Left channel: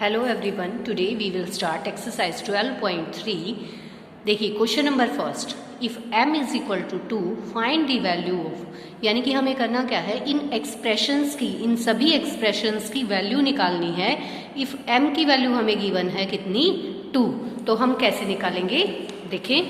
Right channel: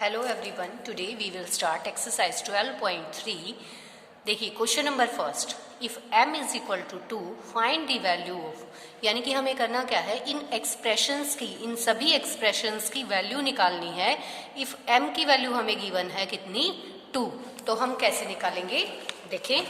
Hello everyone, today we will start exercise 12.3। देखिए question number first, if m is equal to 2 find the value of, यानी कि हमें करना क्या है, इन एक्सप्रेशंस की, इन सभी एक्सप्रेशंस की वैल्यू निकालनी है। इफ m की वैल्यू हमें गिवन है कितनी, 2, तो हम कैसे निकालेंगे, देखें।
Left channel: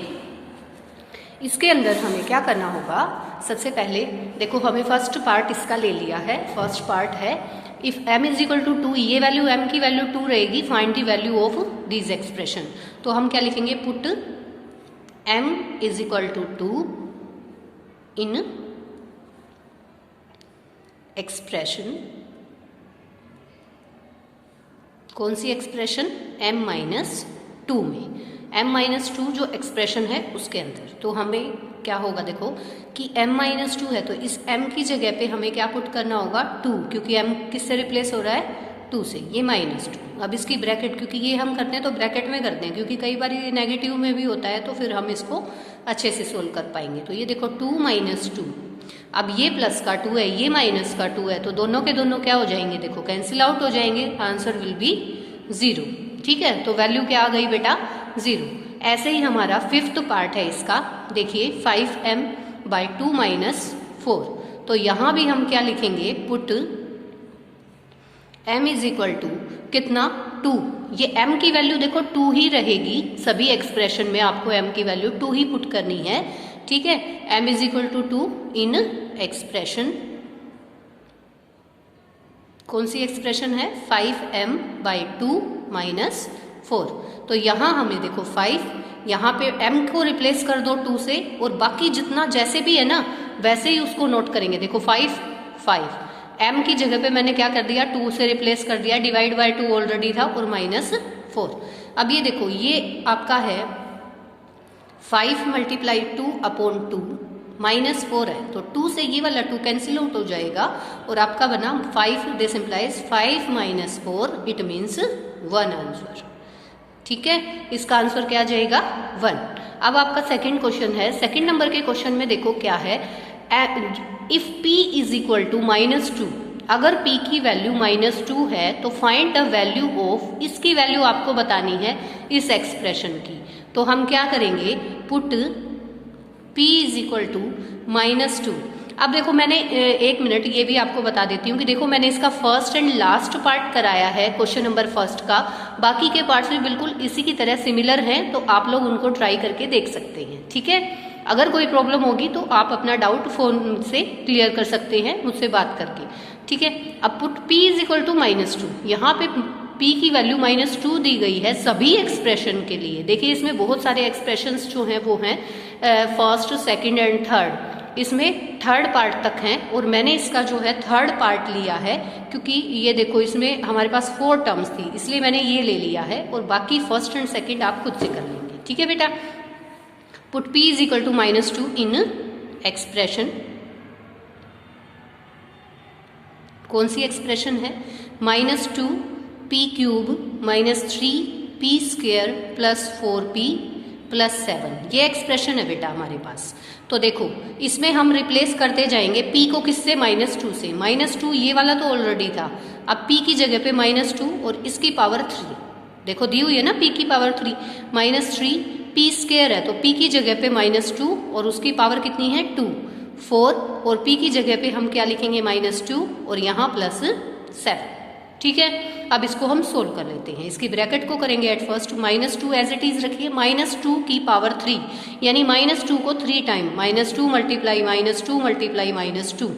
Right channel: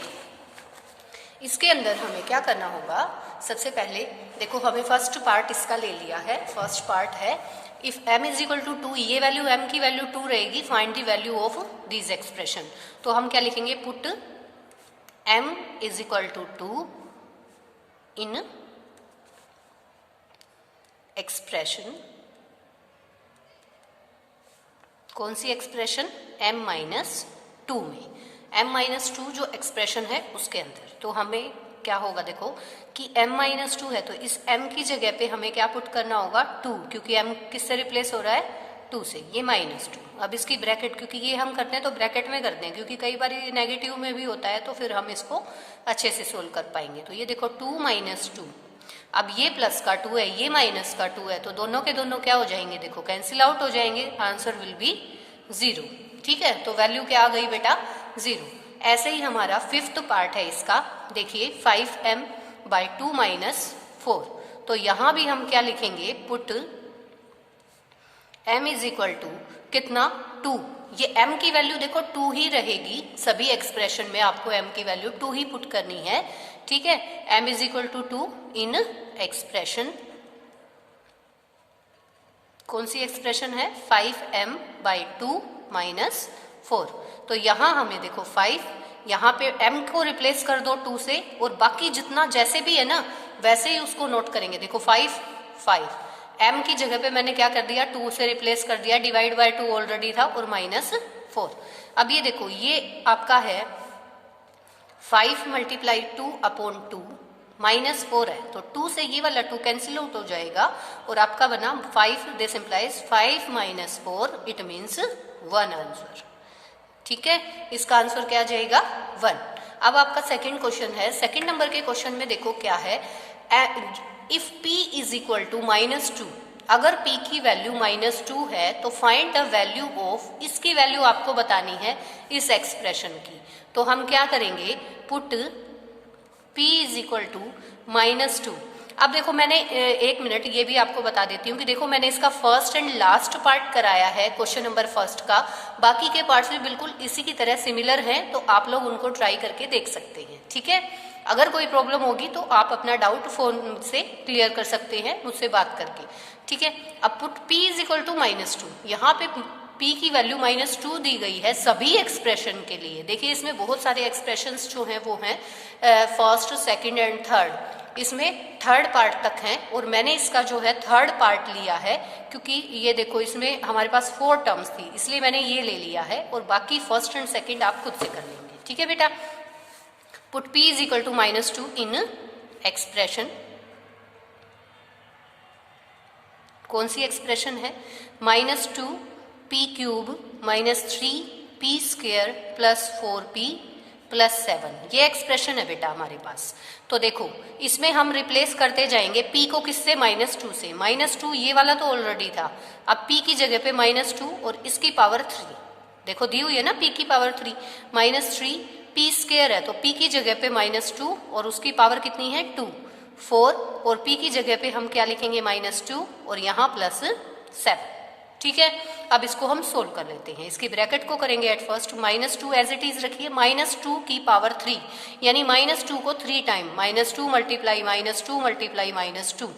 इसके अंदर हमें क्या करना होगा, सबसे पहले देखो हमें फर्स्ट पार्ट इसका ले लिया है। फर्स्ट पार्ट है if m is equal to 2, ये वैल्यू m की वैल्यू 2 रहेगी, find the value of this expression. तो हम क्या लिखेंगे, put m is equal to 2 in expression, कौन सी एक्सप्रेशन, m माइनस 2 में, m माइनस 2 जो एक्सप्रेशन है उसके अंदर। तो हमें क्या होगा, देखो कि m माइनस 2 है तो इस m की जगह पे हमें क्या पुट करना होगा, 2, क्योंकि m किससे रिप्लेस हो रहा है, 2 से, ये माइनस 2। अब इसकी ब्रैकेट, क्योंकि ये हम करते हैं तो ब्रैकेट में करते हैं, क्योंकि कई बार ये नेगेटिव में भी होता है, तो फिर हम इसको अच्छे से सोल्व कर पाएंगे। तो ये देखो 2 माइनस 2, अब ये प्लस का 2 है, ये माइनस का 2 है, तो दोनों के दोनों क्या हो जाएंगे, देखो कैंसिल आउट हो जाएंगे, आंसर विल बी 0। ठीक है, तो वैल्यू क्या आ गई बेटा, 0। ऐसे ही हमारा फिफ्थ पार्ट है इसका, देखिए 5m बाई 2 माइनस 4। तो यहां भी हम क्या लिखेंगे, put m is equal to कितना, 2। ये m की वैल्यू देखो 2 ही रहेगी, सभी एक्सप्रेशन में आपको m की वैल्यू 2 ही पुट करनी है। ठीक है, m is equal to 2 in expression, कौन सी एक्सप्रेशन है, 5m बाई 2 माइनस 4। तो यहां हमें देखो 5, यहाँ पे m को रिप्लेस कर दो 2 से, और बाकी जितना जैसे भी है ना वैसे ही उसको नोट करेंगे। देखो 5 m की जगह पे मैंने क्या कर दिया, 2 से रिप्लेस कर दिया, डिवाइड बाय 2 ऑलरेडी था, और माइनस 4। अब ये देखो ये आपका है 5 मल्टीप्लाई 2 अपॉन 2 माइनस 4 है, तो 2 से ये वाला 2 कैंसिल आउट हो जाएगा, और आपका बना 5, this implies 5 minus 4, it means 1 answer. ठीक है, इसका आंसर क्या आ जाएगा, 1। अब आपका सेकंड क्वेश्चन है, सेकंड नंबर के क्वेश्चन में देखो क्या है, if p is equal to minus 2, अगर p की वैल्यू माइनस 2 है तो फाइंड द वैल्यू ऑफ, इसकी वैल्यू आपको बतानी है इस एक्सप्रेशन की। तो हम क्या करेंगे, put p is equal to minus 2। अब देखो मैंने एक मिनट ये भी आपको बता देती हूँ कि देखो मैंने इसका फर्स्ट एंड लास्ट पार्ट कराया है क्वेश्चन नंबर फर्स्ट का, बाकी के पार्ट्स भी बिल्कुल इसी की तरह सिमिलर हैं, तो आप लोग उनको ट्राई करके देख सकते हैं। ठीक है, अगर कोई प्रॉब्लम होगी तो आप अपना डाउट फोन से क्लियर कर सकते हैं मुझसे बात करके। ठीक है, अब put p is equal to minus 2, यहाँ पे p की वैल्यू माइनस 2 दी गई है सभी एक्सप्रेशन के लिए। देखिए इसमें बहुत सारे एक्सप्रेशंस जो हैं वो हैं फर्स्ट, सेकंड एंड थर्ड, इसमें थर्ड पार्ट तक हैं, और मैंने इसका जो है थर्ड पार्ट लिया है, क्योंकि ये देखो इसमें हमारे पास 4 टर्म्स थी, इसलिए मैंने ये ले लिया है, और बाकी फर्स्ट एंड सेकंड आप खुद से कर लेंगे। ठीक है बेटा, put p is equal to minus 2 in expression, कौन सी एक्सप्रेशन है, minus 2 p cube minus 3 p square plus 4p plus 7, ये एक्सप्रेशन है बेटा हमारे पास। तो देखो इसमें हम रिप्लेस करते जाएंगे p को, किससे, माइनस 2 से। माइनस 2 ये वाला तो ऑलरेडी था, अब p की जगह पे माइनस 2 और इसकी पावर 3, देखो दी हुई है ना p की पावर 3, माइनस 3 p स्क्वेयर है, तो p की जगह पे माइनस 2 और उसकी पावर कितनी है 2, 4, और p की जगह पे हम क्या लिखेंगे, माइनस 2 और यहाँ प्लस 7। ठीक है, अब इसको हम सोल्व कर लेते हैं। इसकी ब्रैकेट को करेंगे at first, minus 2 as it is रखिए, माइनस 2 की पावर 3, यानी माइनस 2 को 3 time, minus 2 multiply minus 2 multiply minus 2।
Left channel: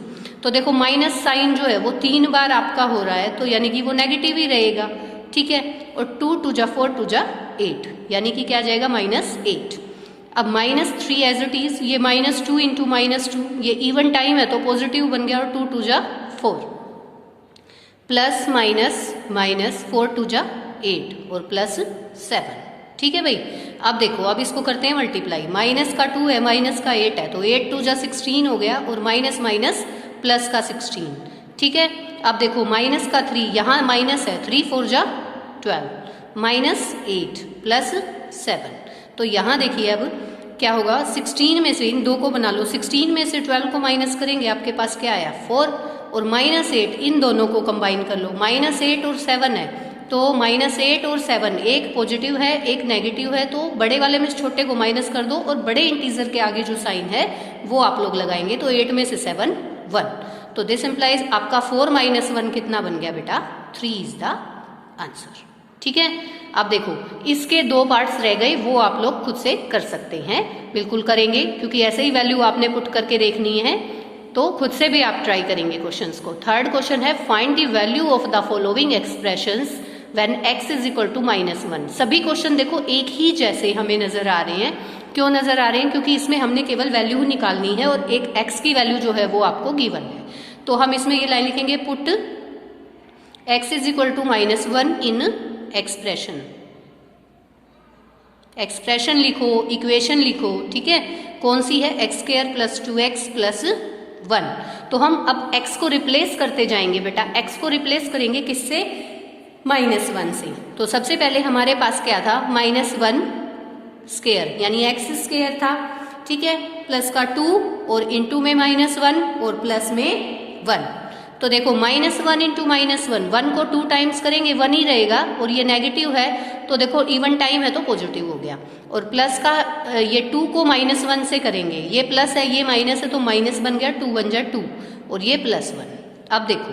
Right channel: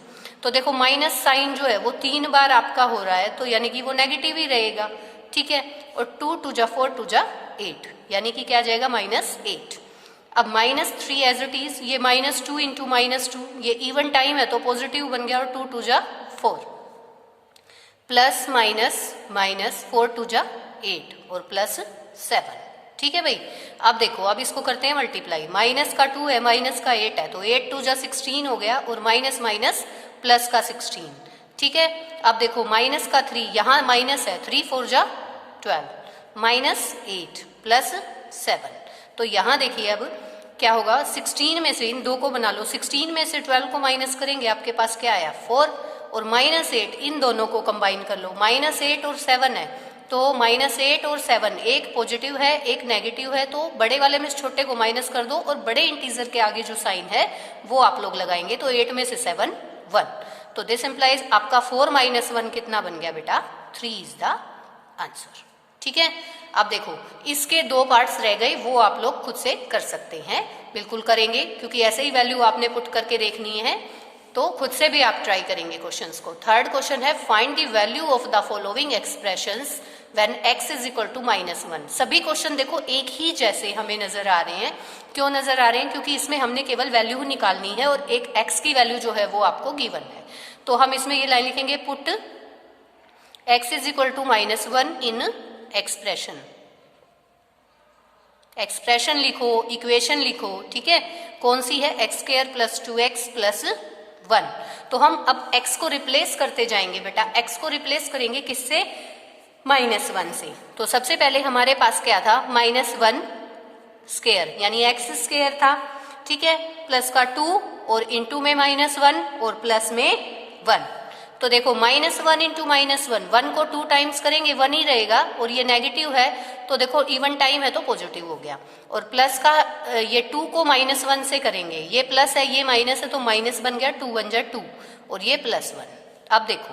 तो देखो माइनस साइन जो है वो 3 बार आपका हो रहा है, तो यानी कि वो नेगेटिव ही रहेगा। ठीक है, और 2 2 जा 4 2 जा 8, यानी कि क्या जाएगा, माइनस 8। अब माइनस 3 एज इट इज, ये माइनस 2 इंटू माइनस 2, ये इवन टाइम है तो पॉजिटिव बन गया, और 2 2 जा 4, प्लस माइनस माइनस 4 2 जा 8 और प्लस 7। ठीक है भाई, अब देखो अब इसको करते हैं मल्टीप्लाई, माइनस का 2 है, माइनस का 8 है, तो 8 2 जा 16 हो गया, और माइनस माइनस प्लस का 16। ठीक है, अब देखो माइनस का 3, यहाँ माइनस है, 3 4 जा 12, माइनस 8 प्लस 7। तो यहाँ देखिए अब क्या होगा, 16 में से इन दो को बना लो, 16 में से 12 को माइनस करेंगे, आपके पास क्या आया 4, और माइनस 8, इन दोनों को कंबाइन कर लो, माइनस 8 और 7 है, तो -8 और 7, एक पॉजिटिव है एक नेगेटिव है, तो बड़े वाले में छोटे को माइनस कर दो और बड़े इंटीजर के आगे जो साइन है वो आप लोग लगाएंगे। तो 8 में से 7 1, तो दिस इंप्लाइज आपका 4 - 1 कितना बन गया बेटा? 3 इज द आंसर। ठीक है, अब देखो इसके 2 पार्ट्स रह गए, वो आप लोग खुद से कर सकते हैं, बिल्कुल करेंगे, क्योंकि ऐसे ही वैल्यू आपने पुट करके देखनी है, तो खुद से भी आप ट्राई करेंगे क्वेश्चंस को। थर्ड क्वेश्चन है find the value of the following expressions when x is equal to -1। सभी क्वेश्चन देखो एक ही जैसे हमें नजर आ रहे हैं। क्यों नजर आ रहे हैं? क्योंकि इसमें हमने केवल वैल्यू निकालनी है और एक x की वैल्यू जो है वो आपको गिवन है। तो हम इसमें ये लाइन लिखेंगे, put x is equal to -1 in expression. Expression लिखो, इक्वेशन लिखो, ठीक है, कौन सी है? x² + 2x + 1। तो हम अब x को रिप्लेस करते जाएंगे बेटा। x को रिप्लेस करेंगे किससे? -1 से। तो सबसे पहले हमारे पास क्या था? -1² यानी x² था, ठीक है, प्लस का 2 और इंटू में -1 और प्लस में 1। तो देखो -1 इंटू -1, 1 को 2 टाइम्स करेंगे 1 ही रहेगा, और ये नेगेटिव है तो देखो इवन टाइम है तो पॉजिटिव हो गया। और प्लस का ये 2 को -1 से करेंगे, ये प्लस है ये माइनस है तो माइनस बन गया, 2 1 जा 2 और ये +1। अब देखो,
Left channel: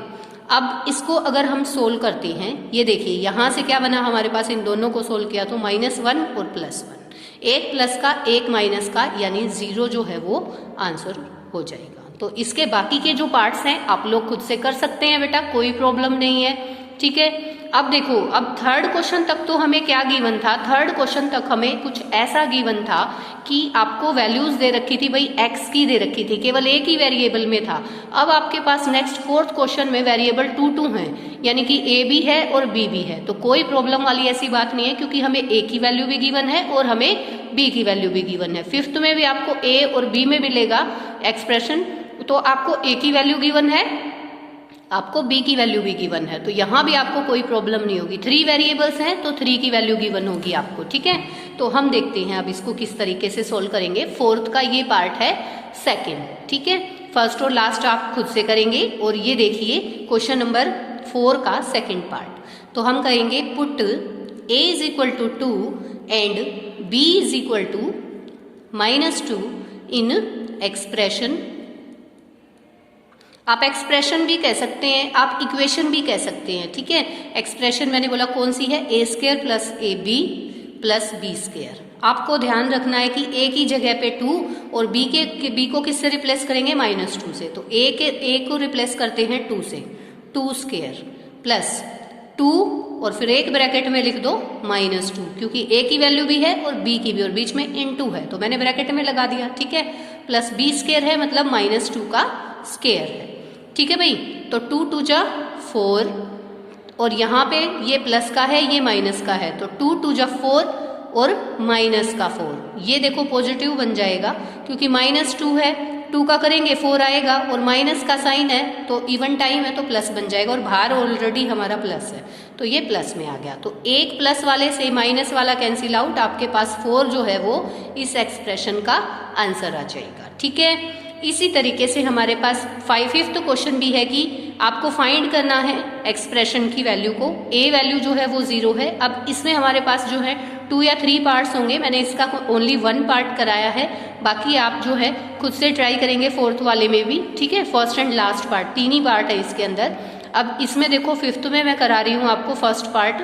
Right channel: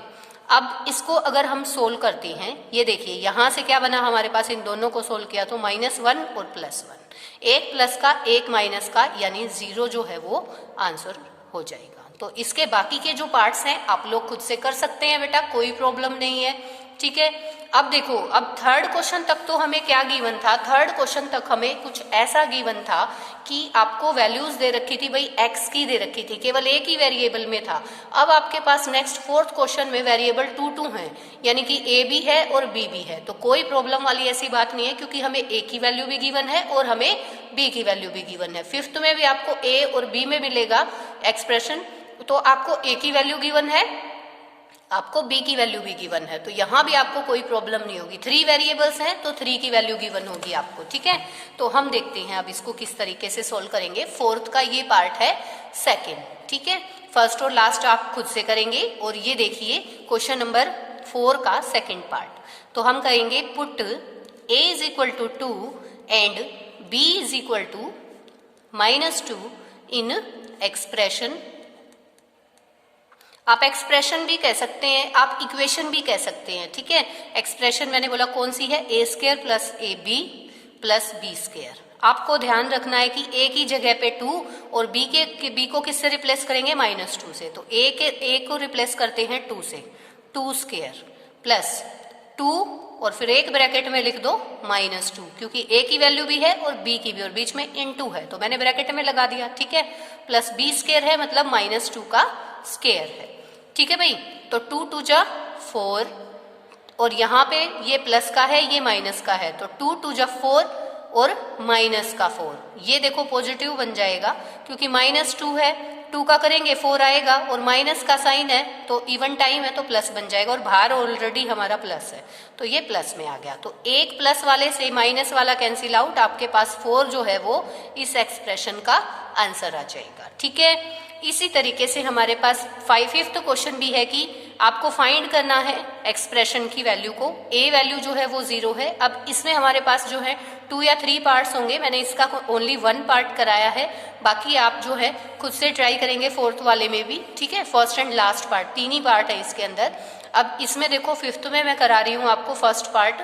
अब इसको अगर हम सोल्व करते हैं, ये देखिए यहां से क्या बना हमारे पास, इन दोनों को सोल्व किया तो -1 और +1, एक प्लस का एक माइनस का, यानी 0 जो है वो आंसर हो जाएगा। तो इसके बाकी के जो पार्ट्स हैं आप लोग खुद से कर सकते हैं बेटा, कोई प्रॉब्लम नहीं है, ठीक है। अब देखो, अब थर्ड क्वेश्चन तक तो हमें क्या गिवन था? थर्ड क्वेश्चन तक हमें कुछ ऐसा गिवन था कि आपको वैल्यूज दे रखी थी भाई, x की दे रखी थी, केवल एक ही वेरिएबल में था। अब आपके पास नेक्स्ट फोर्थ क्वेश्चन में वेरिएबल 2 2 है, यानी कि a भी है और b भी है, तो कोई प्रॉब्लम वाली ऐसी बात नहीं है, क्योंकि हमें a की वैल्यू भी गिवन है और हमें b की वैल्यू भी गिवन है। फिफ्थ में भी आपको a और b में मिलेगा एक्सप्रेशन, तो आपको a की वैल्यू गिवन है, आपको b की वैल्यू भी गिवन है, तो यहां भी आपको कोई प्रॉब्लम नहीं होगी। 3 वेरिएबल्स हैं तो 3 की वैल्यू गिवन होगी आपको, ठीक है। तो हम देखते हैं अब इसको किस तरीके से सोल्व करेंगे। फोर्थ का ये पार्ट है सेकंड, ठीक है, फर्स्ट और लास्ट आप खुद से करेंगे। और ये देखिए क्वेश्चन नंबर 4 का सेकंड पार्ट, तो हम कहेंगे put a is equal to 2 and b is equal to -2 in expression. आप एक्सप्रेशन भी कह सकते हैं, आप इक्वेशन भी कह सकते हैं, ठीक है। एक्सप्रेशन मैंने बोला कौन सी है? a² + ab + b²। आपको ध्यान रखना है कि a की जगह पे 2 और b को किससे रिप्लेस करेंगे? -2 से। तो a को रिप्लेस करते हैं 2 से, 2² प्लस 2 और फिर एक ब्रैकेट में लिख दो -2, क्योंकि a की वैल्यू भी है और b की भी, और बीच में इनटू है तो मैंने ब्रैकेट में लगा दिया, ठीक है, प्लस b² है मतलब -2 का स्क्वायर है, ठीक है भाई। तो 2 2 जा 4 और यहाँ पे ये प्लस का है ये माइनस का है, तो 2 2 जा 4 और माइनस का 4, ये देखो पॉजिटिव बन जाएगा, क्योंकि -2 है, 2 का करेंगे 4 आएगा और माइनस का साइन है तो इवन टाइम है तो प्लस बन जाएगा, और बाहर ऑलरेडी हमारा प्लस है तो ये प्लस में आ गया। तो एक प्लस वाले से माइनस वाला कैंसिल आउट, आपके पास 4 जो है वो इस एक्सप्रेशन का आंसर आ जाएगा, ठीक है। इसी तरीके से हमारे पास फिफ्थ क्वेश्चन भी है कि आपको फाइंड करना है एक्सप्रेशन की वैल्यू को। a वैल्यू जो है वो 0 है। अब इसमें हमारे पास जो है 2 या 3 पार्ट्स होंगे, मैंने इसका ओनली 1 पार्ट कराया है, बाकी आप जो है खुद से ट्राई करेंगे फोर्थ वाले में भी, ठीक है। First and last part 3 he part है इसके अंदर। अब इसमें देखो फिफ्थ में मैं करा रही हूँ आपको फर्स्ट पार्ट।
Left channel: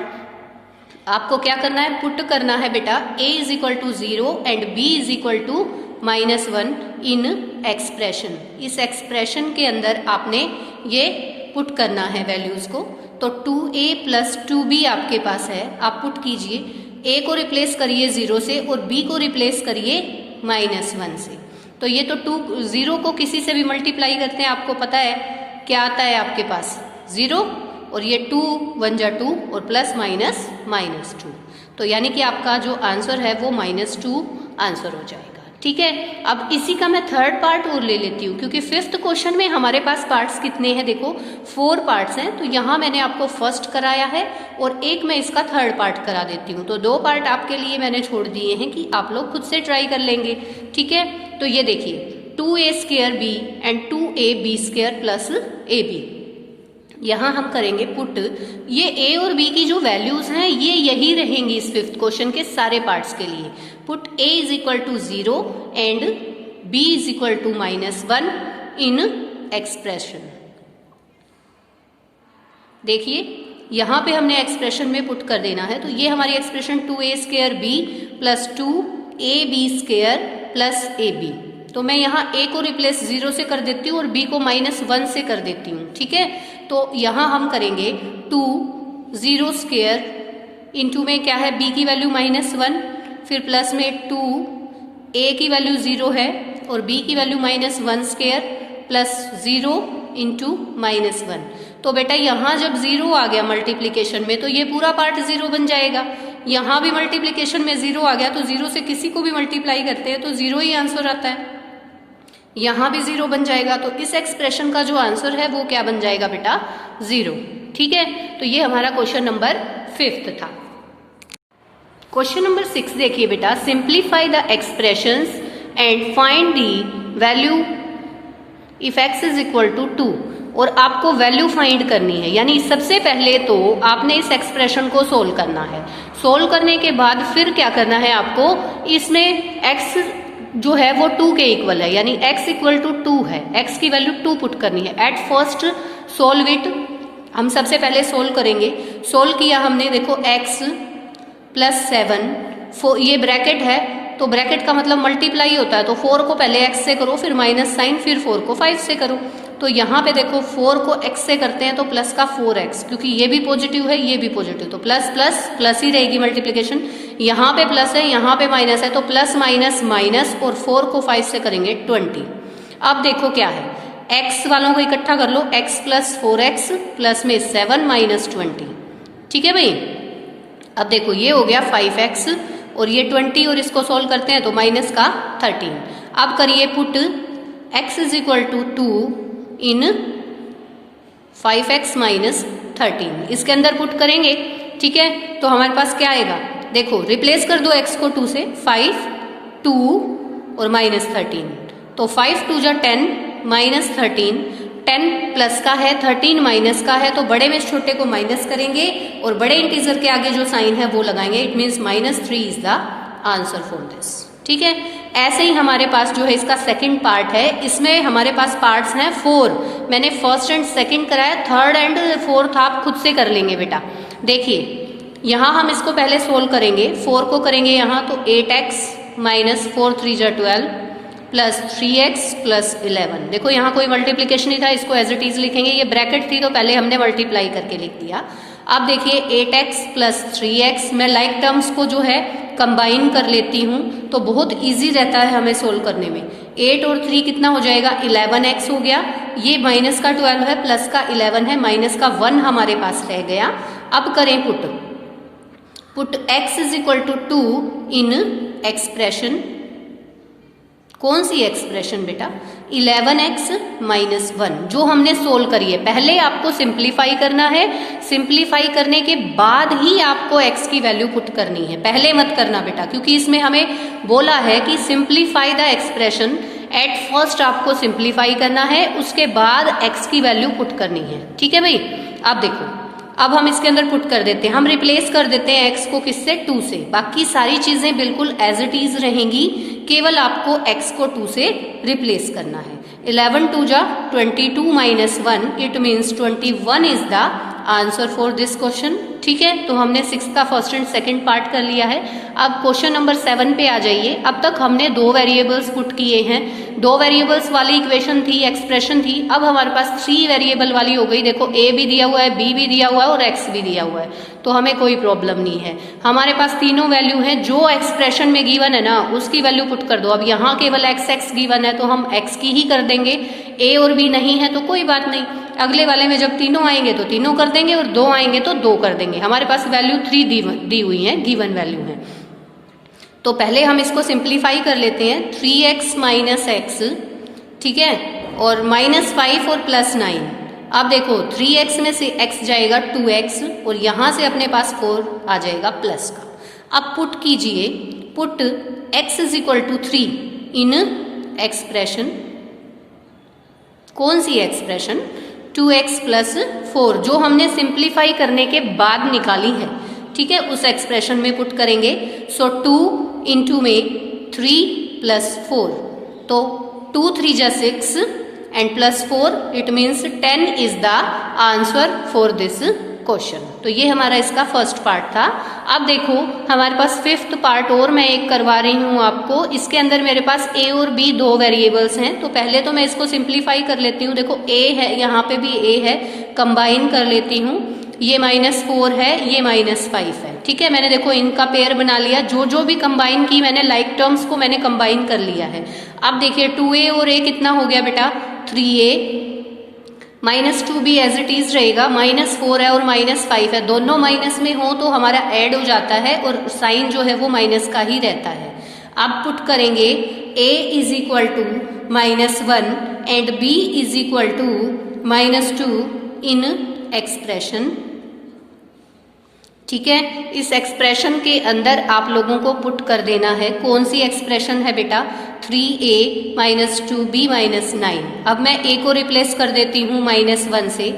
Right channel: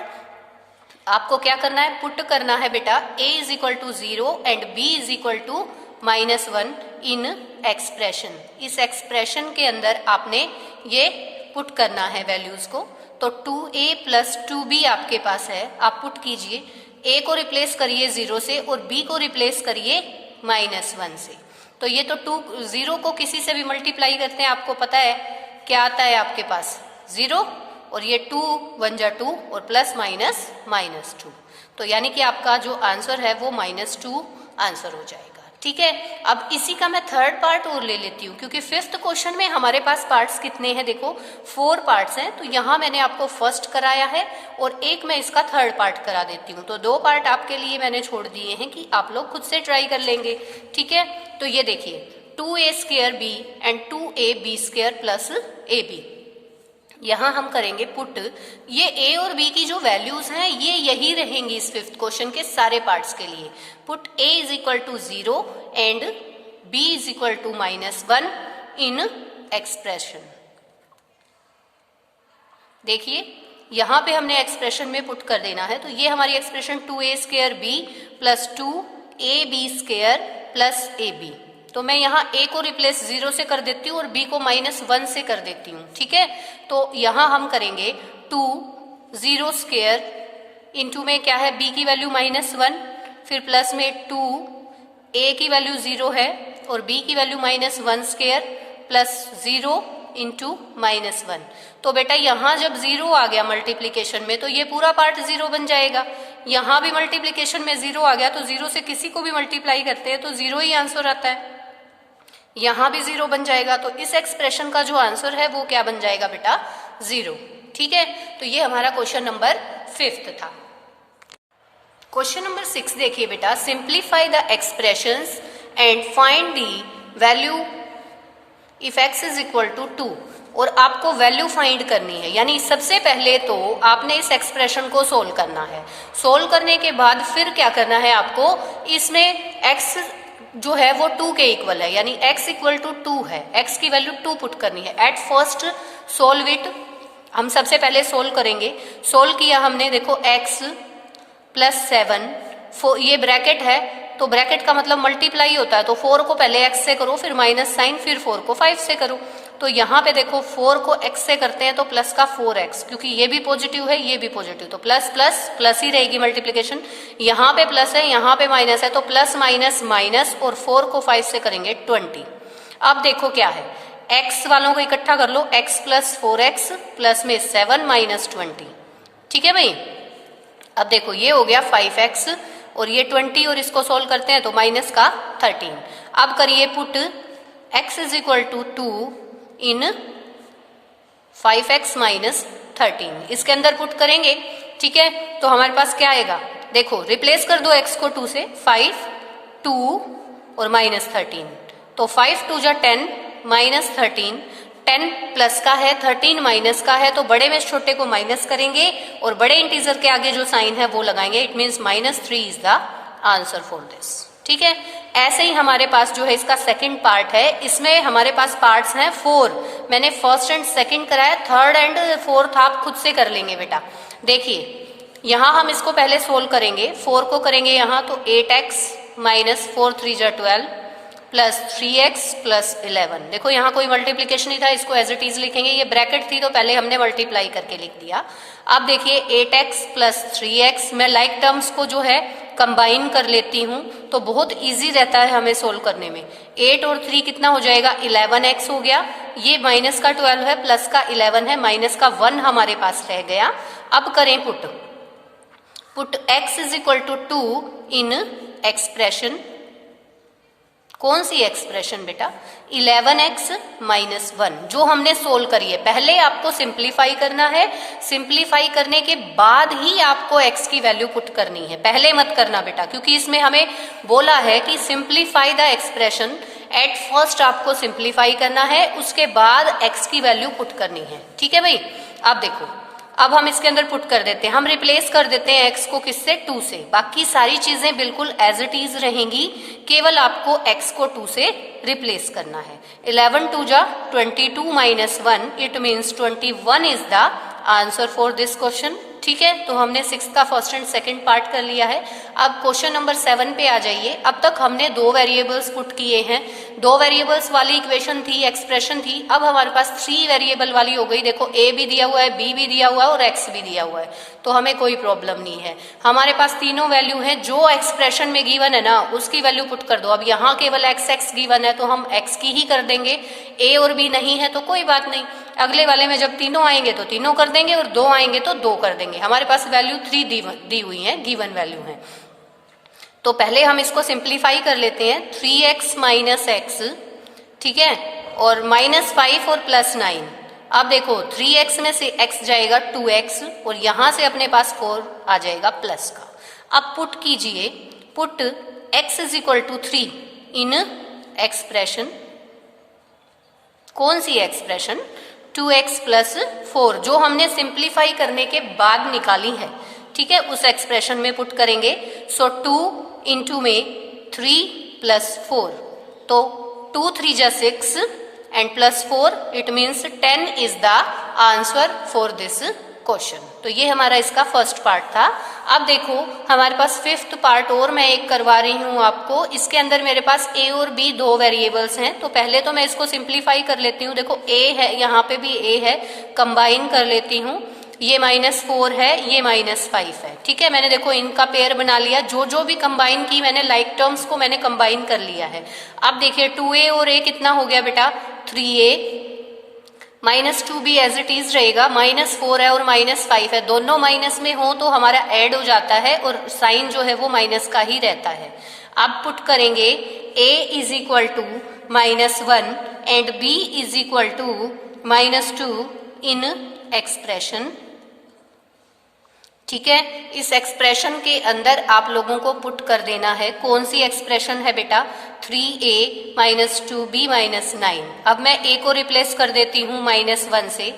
आपको क्या करना है? पुट करना है बेटा a is equal to 0 and b is equal to -1 in expression. इस एक्सप्रेशन के अंदर आपने ये पुट करना है वैल्यूज को। तो 2a + 2b आपके पास है, आप पुट कीजिए, a को रिप्लेस करिए 0 से और b को रिप्लेस करिए -1 से। तो ये तो 0 को किसी से भी मल्टीप्लाई करते हैं, आपको पता है क्या आता है आपके पास? 0 और ये 2 1 जा 2 और प्लस माइनस -2, तो यानी कि आपका जो आंसर है वो -2 आंसर हो जाएगा, ठीक है। अब इसी का मैं थर्ड पार्ट और ले लेती हूँ, क्योंकि फिफ्थ क्वेश्चन में हमारे पास पार्ट्स कितने हैं? देखो 4 पार्ट्स हैं, तो यहाँ मैंने आपको फर्स्ट कराया है और एक मैं इसका थर्ड पार्ट करा देती हूँ, तो 2 पार्ट आपके लिए मैंने छोड़ दिए हैं कि आप लोग खुद से ट्राई कर लेंगे, ठीक है। तो ये देखिए 2a² b and 2ab² + ab, यहाँ हम करेंगे पुट, ये ए और बी की जो वैल्यूज हैं ये यही रहेंगी इस फिफ्थ क्वेश्चन के सारे पार्ट्स के लिए। Put A is equal to 0 and B is equal to -1 in expression. देखिए यहां पे हमने एक्सप्रेशन में पुट कर देना है, तो ये हमारी expression 2a² b plus 2ab² plus ab। तो मैं यहाँ a को रिप्लेस 0 से कर देती हूँ और b को -1 से कर देती हूँ, ठीक है। तो यहाँ हम करेंगे 2 0² इंटू में क्या है b की वैल्यू -1, फिर प्लस में 2 a की वैल्यू 0 है और b की वैल्यू -1² प्लस 0 इंटू -1। तो बेटा यहाँ जब 0 आ गया मल्टीप्लीकेशन में तो ये पूरा पार्ट 0 बन जाएगा। यहाँ भी मल्टीप्लीकेशन में 0 आ गया तो 0 से किसी को भी मल्टीप्लाई करते हैं तो 0 ही आंसर आता है। यहाँ भी 0 बन जाएगा, तो इस एक्सप्रेशन का जो आंसर है वो क्या बन जाएगा बेटा? 0। ठीक है, तो ये हमारा क्वेश्चन नंबर 5 था। क्वेश्चन नंबर 6 देखिए बेटा, simplify the expressions and find the value if x is equal to 2। और आपको वैल्यू फाइंड करनी है, यानी सबसे पहले तो आपने इस एक्सप्रेशन को सोल्व करना है। सोल्व करने के बाद फिर क्या करना है आपको, इसमें x जो है वो 2 के इक्वल है, यानी x इक्वल टू 2 है, x की वैल्यू 2 पुट करनी है। एट फर्स्ट सोल्व इट, हम सबसे पहले सोल्व करेंगे। सोल्व किया हमने, देखो x प्लस 7, ये ब्रैकेट है तो ब्रैकेट का मतलब मल्टीप्लाई होता है, तो 4 को पहले x से करो, फिर माइनस साइन, फिर 4 को 5 से करो। तो यहाँ पे देखो 4 को x से करते हैं तो प्लस का 4x, क्योंकि ये भी पॉजिटिव है ये भी पॉजिटिव, तो प्लस प्लस प्लस ही रहेगी मल्टीप्लिकेशन। यहाँ पे प्लस है यहाँ पे माइनस है, तो प्लस माइनस माइनस, और 4 को 5 से करेंगे 20। अब देखो क्या है, x वालों को इकट्ठा कर लो, x प्लस 4x प्लस में 7 माइनस 20। ठीक है भाई, अब देखो ये हो गया 5x और ये 20 और इसको सोल्व करते हैं तो माइनस का 13। अब करिए put x is equal to 2 in 5x minus 13, इसके अंदर पुट करेंगे। ठीक है, तो हमारे पास क्या आएगा, देखो रिप्लेस कर दो x को 2 से, 5 2 और माइनस 13, तो 5 2 जा 10 माइनस 13, 10 प्लस का है 13 माइनस का है, तो बड़े में छोटे को माइनस करेंगे और बड़े इंटीजर के आगे जो साइन है वो लगाएंगे। It means -3 is the answer for this. ठीक है, ऐसे ही हमारे पास जो है इसका सेकंड पार्ट है, इसमें हमारे पास पार्ट्स हैं 4। मैंने फर्स्ट एंड सेकंड कराया, थर्ड एंड फोर्थ आप खुद से कर लेंगे बेटा। देखिए यहाँ हम इसको पहले सोल्व करेंगे, 4 को करेंगे यहाँ तो 8x माइनस 4 3 जा 12 प्लस 3x प्लस 11। देखो यहाँ कोई मल्टीप्लीकेशन नहीं था, इसको एज इट इज लिखेंगे, ये ब्रैकेट थी तो पहले हमने मल्टीप्लाई करके लिख दिया। अब देखिए 8x प्लस 3x, मैं लाइक टर्म्स को जो है कंबाइन कर लेती हूँ तो बहुत इजी रहता है हमें सोल्व करने में। 8 और 3 कितना हो जाएगा, 11x हो गया, ये माइनस का 12 है प्लस का 11 है, माइनस का 1 हमारे पास रह गया। अब करें put x is equal to 2 in expression, कौन सी एक्सप्रेशन बेटा, 11x माइनस 1 जो हमने सोल्व करी है। पहले आपको सिंप्लीफाई करना है, सिंप्लीफाई करने के बाद ही आपको x की वैल्यू पुट करनी है, पहले मत करना बेटा, क्योंकि इसमें हमें बोला है कि simplify the expression. At first आपको सिंप्लीफाई करना है, उसके बाद x की वैल्यू पुट करनी है। ठीक है भाई, अब देखो, अब हम इसके अंदर पुट कर देते हैं, हम रिप्लेस कर देते हैं x को किससे, 2 से। बाकी सारी चीजें बिल्कुल एज इट इज रहेंगी, केवल आपको x को 2 से रिप्लेस करना है। 11 2 जा 22 minus 1, it means 21 is the answer for this question. ठीक है, तो हमने 6 का फर्स्ट एंड सेकंड पार्ट कर लिया है। अब क्वेश्चन नंबर 7 पे आ जाइए। अब तक हमने 2 वेरिएबल्स पुट किए हैं, 2 वेरिएबल्स वाली इक्वेशन थी, एक्सप्रेशन थी। अब हमारे पास 3 वेरिएबल वाली हो गई। देखो a भी दिया हुआ है, b भी दिया हुआ है और x भी दिया हुआ है, तो हमें कोई प्रॉब्लम नहीं है। हमारे पास तीनों वैल्यू हैं, जो एक्सप्रेशन में गिवन है ना उसकी वैल्यू पुट कर दो। अब यहाँ केवल x गिवन है तो हम x की ही कर देंगे, a और b नहीं है तो कोई बात नहीं, अगले वाले में जब तीनों आएंगे तो तीनों कर देंगे और 2 आएंगे तो 2 कर देंगे। हमारे पास वैल्यू 3 दी हुई है, गिवन वैल्यू है। तो पहले हम इसको सिंप्लीफाई कर लेते हैं, 3x माइनस x, ठीक है, और -5 और प्लस 9। अब देखो 3x में से x जाएगा 2x और यहां से अपने पास 4 आ जाएगा प्लस का। अब पुट कीजिए, put x is equal to 3 in expression, कौन सी एक्सप्रेशन, 2x प्लस 4 जो हमने सिंप्लीफाई करने के बाद निकाली है, ठीक है, उस एक्सप्रेशन में पुट करेंगे। सो 2 इंटू में 3 प्लस 4, तो 2 3 जा 6 and plus 4, it means 10 is the answer for this question. तो ये हमारा इसका फर्स्ट पार्ट था। अब देखो हमारे पास फिफ्थ पार्ट और मैं एक करवा रही हूँ आपको। इसके अंदर मेरे पास a और b दो वेरिएबल्स हैं, तो पहले तो मैं इसको सिंप्लीफाई कर लेती हूँ। देखो a है, यहाँ पे भी a है, कंबाइन कर लेती हूँ। ये -4 है, ये -5 है, ठीक है। मैंने देखो इनका पेयर बना लिया, जो भी कंबाइन की मैंने लाइक टर्म्स को मैंने कंबाइन कर लिया है। अब देखिए 2a और a कितना हो गया बेटा, 3a, -2 भी एज इट इज रहेगा, -4 है और -5 है, दोनों माइनस में हो तो हमारा ऐड हो जाता है और साइन जो है वो माइनस का ही रहता है। अब पुट करेंगे a is equal to -1 and b is equal to -2 in expression, ठीक है। इस एक्सप्रेशन के अंदर आप लोगों को पुट कर देना है। कौन सी एक्सप्रेशन है बेटा, 3a -2b -9। अब मैं a को रिप्लेस कर देती हूँ -1 से,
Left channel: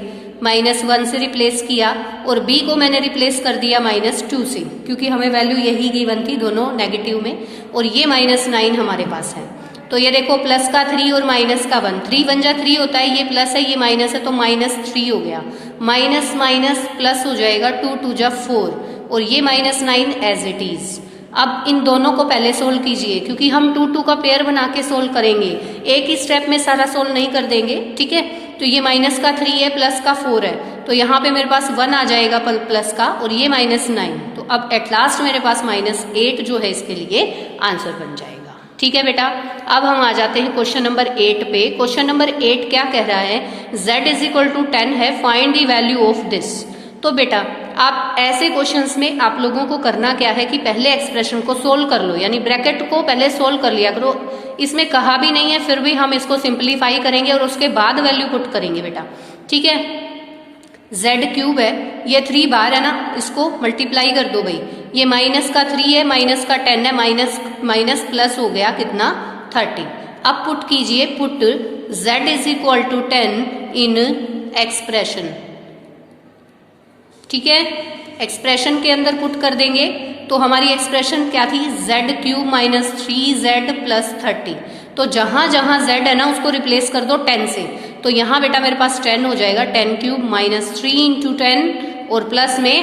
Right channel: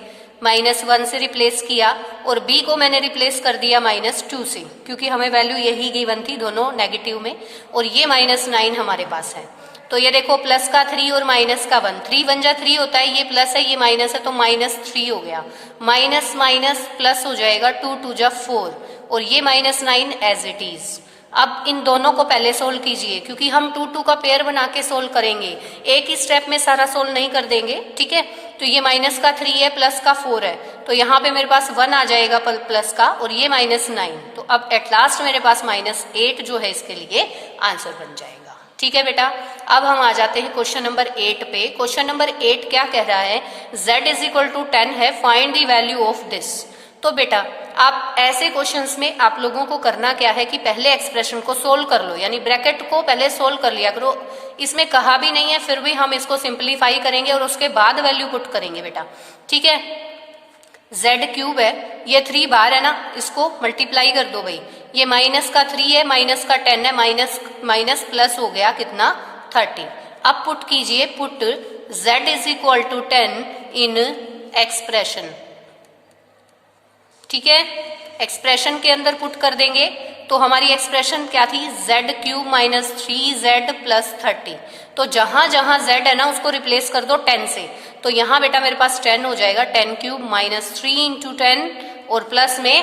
-1 से रिप्लेस किया, और b को मैंने रिप्लेस कर दिया -2 से, क्योंकि हमें वैल्यू यही गिवन थी दोनों नेगेटिव में, और ये -9 हमारे पास है। तो ये देखो प्लस का 3 और माइनस का 1, 3 1 जा 3 होता है, ये प्लस है ये माइनस है, तो -3 हो गया, माइनस माइनस प्लस हो जाएगा, 2 2 जा 4, और ये -9 एज इट इज। अब इन दोनों को पहले सोल्व कीजिए, क्योंकि हम 2 2 का पेयर बना के सोल्व करेंगे, एक ही स्टेप में सारा सोल्व नहीं कर देंगे, ठीक है। तो ये माइनस का 3 है, प्लस का 4 है, तो यहाँ पे मेरे पास 1 आ जाएगा प्लस का, और ये -9, तो अब एट लास्ट मेरे पास -8 जो है इसके लिए आंसर बन जाएगा, ठीक है बेटा। अब हम आ जाते हैं क्वेश्चन नंबर 8 पे। क्वेश्चन नंबर 8 क्या कह रहा है, z इज इक्वल टू 10 है, find the value of this. तो बेटा आप ऐसे क्वेश्चंस में आप लोगों को करना क्या है कि पहले एक्सप्रेशन को सोल्व कर लो, यानी ब्रैकेट को पहले सोल्व कर लिया करो। इसमें कहा भी नहीं है, फिर भी हम इसको सिंप्लीफाई करेंगे और उसके बाद वैल्यू पुट करेंगे बेटा, ठीक है। z³ है, ये 3 बार है ना, इसको मल्टीप्लाई कर दो भाई, ये माइनस का 3 है, माइनस का 10 है, माइनस माइनस प्लस हो गया कितना, 30। अब पुट कीजिए, put z is equal to 10 in expression, ठीक है। एक्सप्रेशन के अंदर पुट कर देंगे, तो हमारी एक्सप्रेशन क्या थी, z³ - 3z + 30। तो जहां जहां z है ना उसको रिप्लेस कर दो 10 से, तो यहाँ बेटा मेरे पास 10 हो जाएगा, 10³ - 3 × 10 और प्लस में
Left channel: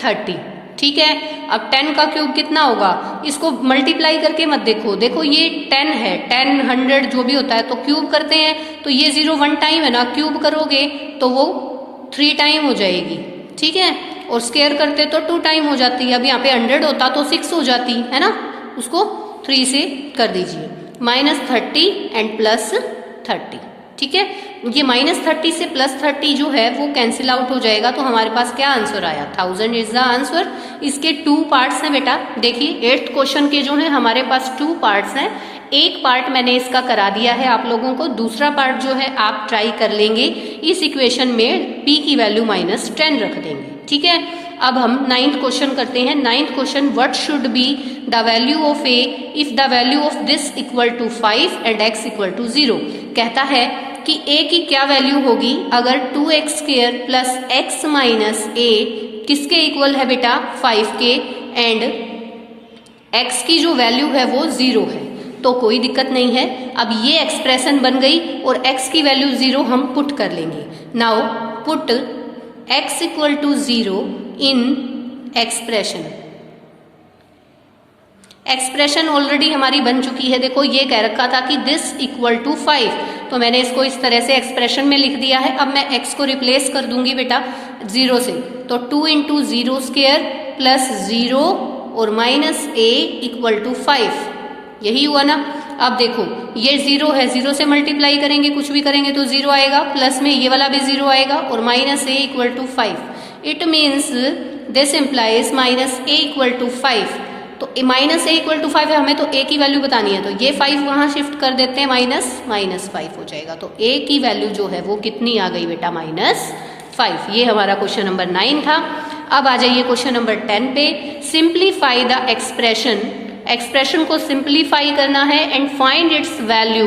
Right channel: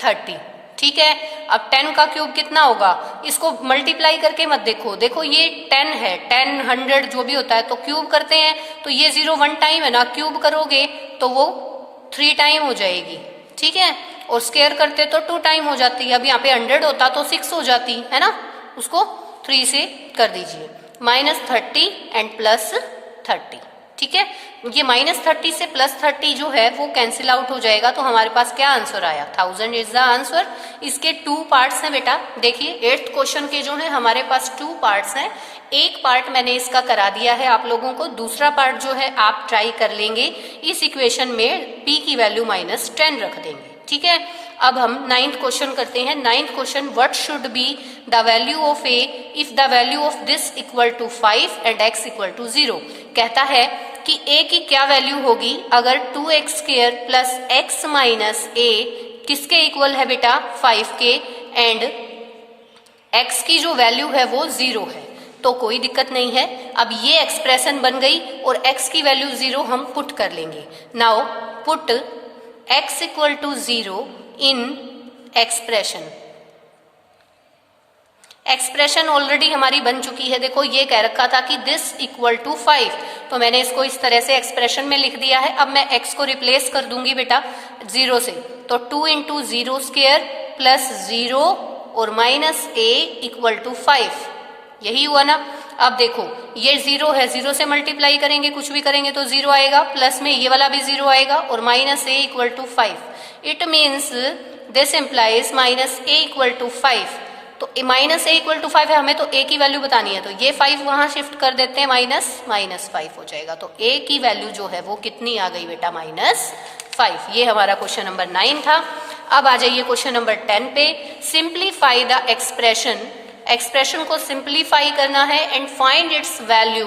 30, ठीक है। अब 10 का क्यूब कितना होगा, इसको मल्टीप्लाई करके मत देखो, देखो ये 10 है, 10 100 जो भी होता है, तो क्यूब करते हैं, तो ये 0 1 टाइम है ना, क्यूब करोगे तो वो 3 टाइम हो जाएगी, ठीक है। और स्केयर करते तो 2 टाइम हो जाती है। अब यहाँ पे 100 होता तो 6 हो जाती है ना, उसको 3 से कर दीजिए, -30 एंड +30, ठीक है। ये -30 से +30 जो है वो कैंसिल आउट हो जाएगा, तो हमारे पास क्या आंसर आया, 1000 इज द आंसर। इसके 2 पार्ट्स हैं बेटा, देखिए 8th क्वेश्चन के जो है हमारे पास 2 पार्ट्स हैं। एक पार्ट मैंने इसका करा दिया है आप लोगों को, दूसरा पार्ट जो है आप ट्राई कर लेंगे। इस इक्वेशन में p की वैल्यू -10 रख देंगे, ठीक है। अब हम 9th क्वेश्चन करते हैं। 9th question, what should be the value of a if the value of this equal to 5 and x equal to 0। कहता है कि a की क्या वैल्यू होगी अगर 2x² + x - a किसके इक्वल है बेटा, 5 के, एंड x की जो वैल्यू है वो 0 है। तो कोई दिक्कत नहीं है, अब ये एक्सप्रेशन बन गई और x की वैल्यू 0 हम पुट कर लेंगे। Now put x equal to 0 in expression. Expression already हमारी बन चुकी है, देखो ये कह रखा था कि दिस इक्वल टू 5, तो मैंने इसको इस तरह से एक्सप्रेशन में लिख दिया है। अब मैं x को रिप्लेस कर दूंगी बेटा 0 से, तो 2 × 0² + 0 और -a इक्वल टू 5, यही हुआ ना। अब देखो ये 0 है, 0 से मल्टीप्लाई करेंगे, कुछ भी करेंगे तो 0 आएगा, प्लस में ये वाला भी 0 आएगा, और -a equal to 5। It means this implies -a equal to 5। तो -a इक्वल टू 5 है, हमें तो a की वैल्यू बतानी है, तो ये 5 वहां शिफ्ट कर देते हैं, -5 हो जाएगा। तो a की वैल्यू जो है वो कितनी आ गई बेटा, -5। ये हमारा क्वेश्चन नंबर 9 था। अब आ जाइए क्वेश्चन नंबर 10 पे। सिंप्लीफाई द एक्सप्रेशन, एक्सप्रेशन को सिंप्लीफाई करना है and find its value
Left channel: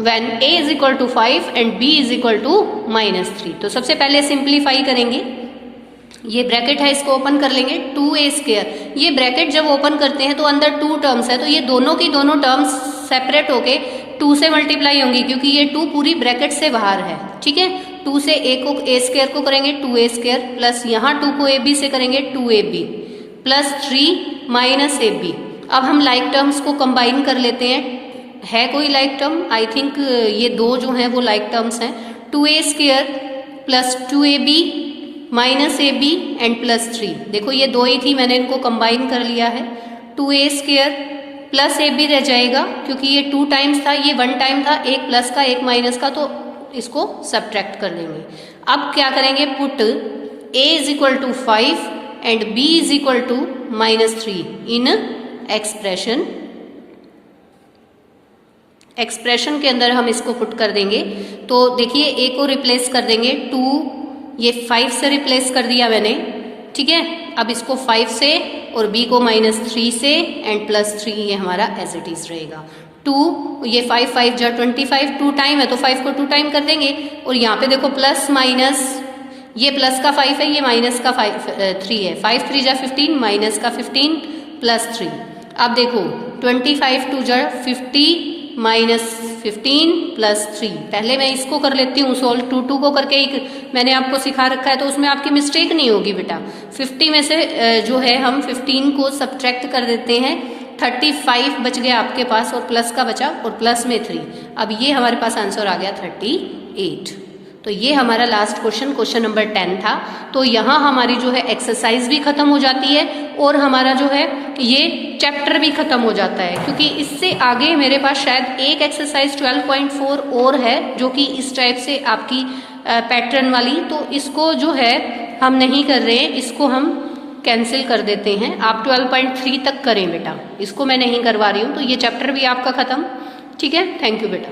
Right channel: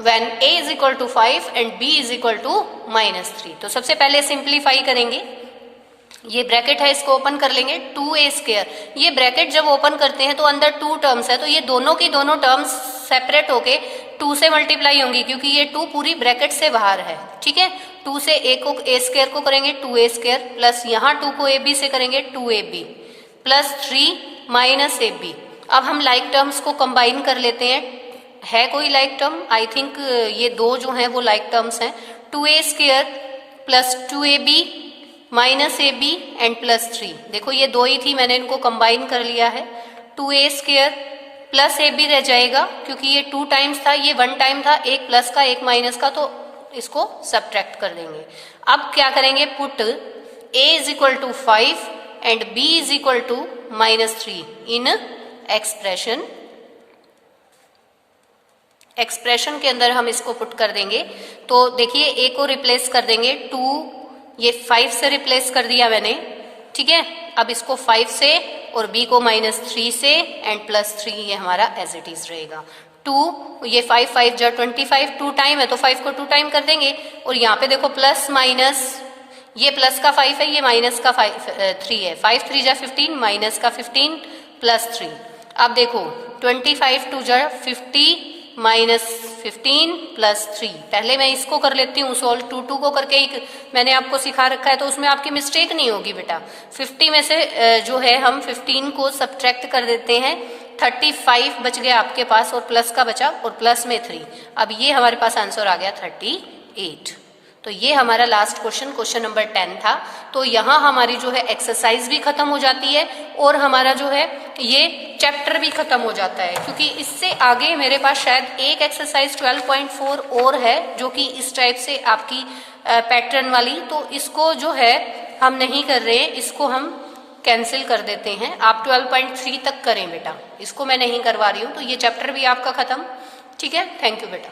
when a is equal to 5 and b is equal to -3। तो सबसे पहले सिंप्लीफाई करेंगे, ये ब्रैकेट है इसको ओपन कर लेंगे, 2a²। ये ब्रैकेट जब ओपन करते हैं तो अंदर 2 टर्म्स है, तो ये दोनों की दोनों टर्म्स सेपरेट होके 2 से मल्टीप्लाई होंगी, क्योंकि ये 2 पूरी ब्रैकेट से बाहर है। ठीक है, 2 से a² को करेंगे 2a² प्लस यहाँ 2 को ab से करेंगे 2ab प्लस 3 माइनस ab। अब हम लाइक टर्म्स को कंबाइन कर लेते हैं। है कोई लाइक टर्म? आई थिंक ये दो जो हैं वो लाइक टर्म्स हैं। 2a² plus 2ab minus ab and plus 3। देखो ये दो ही थी, मैंने इनको कंबाइन कर लिया है। 2a² प्लस ab रह जाएगा, क्योंकि ये 2 टाइम्स था, ये 1 टाइम था, एक प्लस का एक माइनस का, तो इसको सब्ट्रैक्ट कर देंगे। अब क्या करेंगे, put a is equal to 5 and b is equal to -3 in expression. Expression के अंदर हम इसको पुट कर देंगे। तो देखिए a को रिप्लेस कर देंगे 2, ये 5 से रिप्लेस कर दिया मैंने। ठीक है, अब इसको 5 से और b को -3 से एंड प्लस 3, ये हमारा एज इट इज रहेगा। 2, ये 5 5 जा 25, 2 टाइम है तो 5 को 2 टाइम कर देंगे। और यहाँ पे देखो प्लस माइनस, ये प्लस का 5 है, ये माइनस का 3 है। 5 3 जा 15, माइनस का 15 प्लस 3। अब देखो 25 2 जा 50 माइनस 15 प्लस 3। पहले मैं इसको कर लेती हूँ सॉल्व, 2 को करके ही मैंने आपको सिखा रखा है, तो उसमें आपकी मिस्टेक नहीं होगी बेटा। 50 में से जो है हम 15 को सब्ट्रैक्ट कर देते हैं, 35 बच गया आपके पास और प्लस का बचा और प्लस में 3। अब ये हमारे पास आंसर आ गया 38। तो ये हमारा लास्ट क्वेश्चन नंबर 10 था। तो यहाँ हमारी जो है एक्सरसाइज भी खत्म हो जाती है और हमारा जो है ये चैप्टर भी खत्म हो जाता है, क्योंकि इससे आगे मेरे पास शायद एक एक्सरसाइज 12.4 और है जो कि इस टाइप से आपकी पैटर्न वाली। तो इसको जो है हम नहीं कर रहे हैं, इसको हम कैंसिल कर देते हैं। आप 12.3 तक करें बेटा, इसको मैं नहीं करवा रही हूँ। तो ये चैप्टर भी आपका खत्म। ठीक है, थैंक यू बेटा।